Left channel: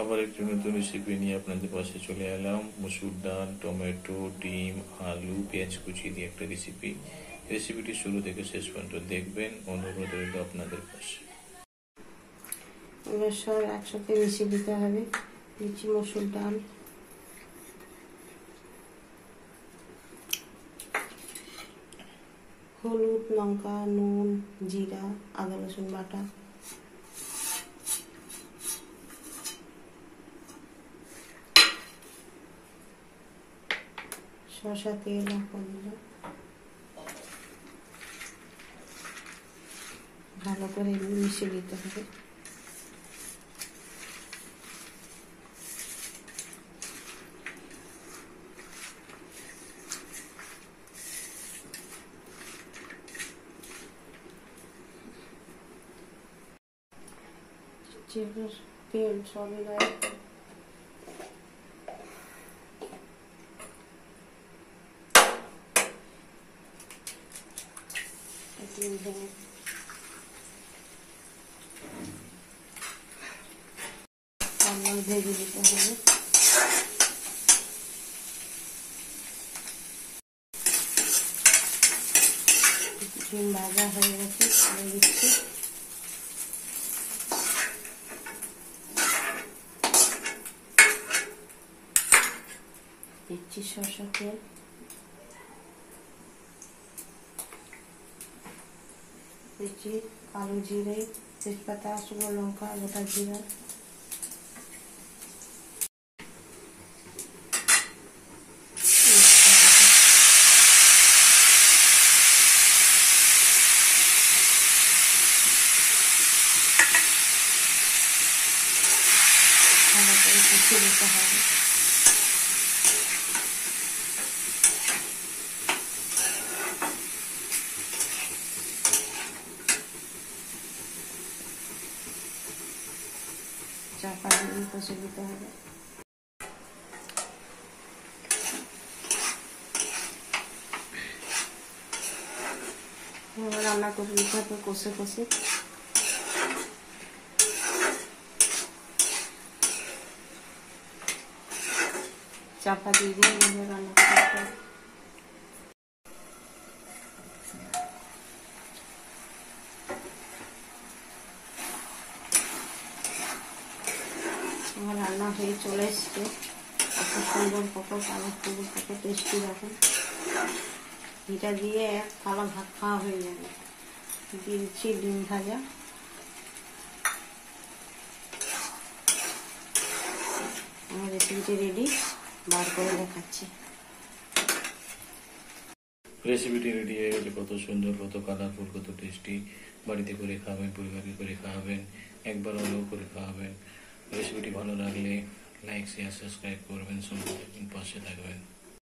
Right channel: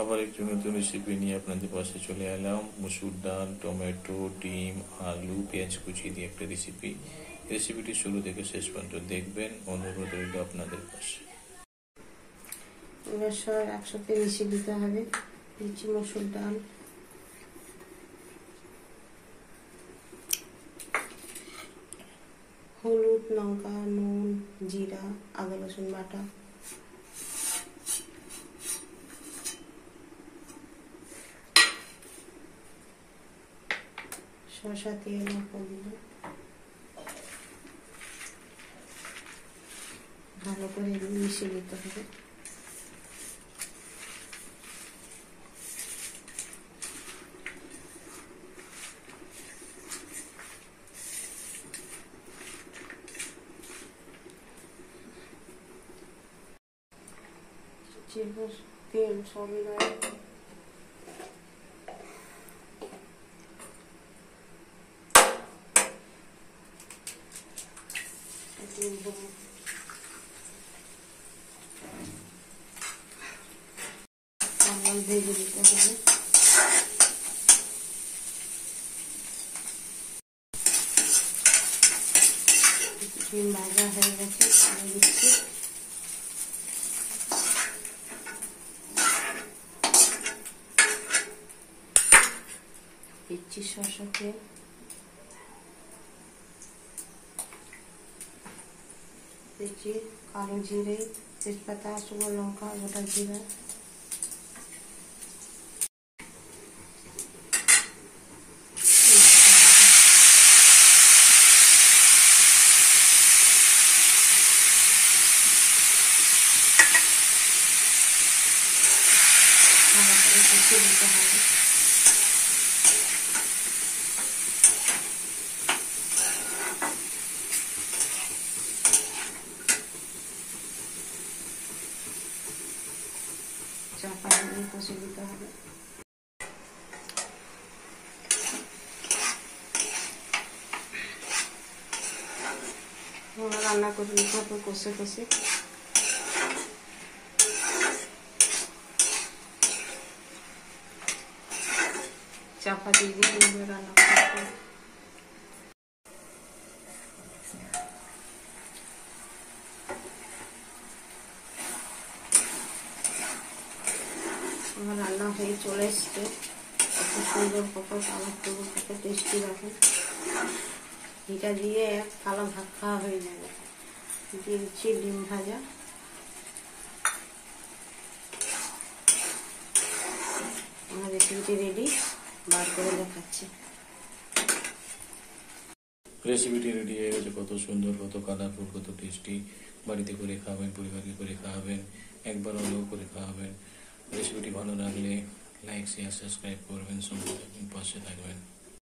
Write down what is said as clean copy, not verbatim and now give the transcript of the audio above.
আবার একটি নতুন রেসিপি নিয়ে আপনাদের পাশে চলে এলাম। মসুর ডাল, টমেটো, ডিম, আলু, পেঁয়াজ কুচি দিয়ে একটা রেসিপিটি শুরু থেকে শেষ পর্যন্ত দেখবেন। অনুরোধ রইল আপনাদের পাশে। এবার সব একসাথে মিশিয়ে দিতে হবে। দিচ্ছি মসুর ডাল, হলুদ, লঙ্কা, নুন, জিরা, আদা রসুন বাটা, শসা, তেল, লঙ্কা দিয়ে ভালো করে মিশিয়ে দিতে হবে। তেল সবই গায়ে ভেজে দিতে হবে। ডিম ভাজা হয়ে গেছে, আলু দিচ্ছি, দিচ্ছি সরষা তেল, দিচ্ছি কালো জিরে, তেজপাতা, শুকনো লঙ্কা, গোটা জিরা, কষিয়ে দিতে হবে। চাপা দিয়ে কষিয়ে দিতে হবে। রান্না করে দিতে হবে কষে কষে। চাপা দিয়ে দিয়ে রান্না করতে হবে। আমার রান্না হয়ে চলে এসছে। এত সুন্দর পটল, আলু ফুল, কত টেস্টি রকম। এটা দিয়ে এক থালা ভাত খাওয়া হয়ে যাবে। দিয়েছি ডিম ভাজা। আমার রেসিপিটি রেডি, বার করে দেখাচ্ছি। রেসিপিটি রেডি হয়ে গেছে। কত সুন্দর, কত কালারফুল, কত টেস্টি। বাড়িতে করে খাওয়াবেন, পরিবারকে করে খাওয়াবেন, একবার হলেও করে খাওয়াবেন। রেসিপিটি ভালো লাগলে লাইক, শেয়ার, সাবস্ক্রাইব করবেন, সঙ্গে থাকবেন, পাশে থাকবেন।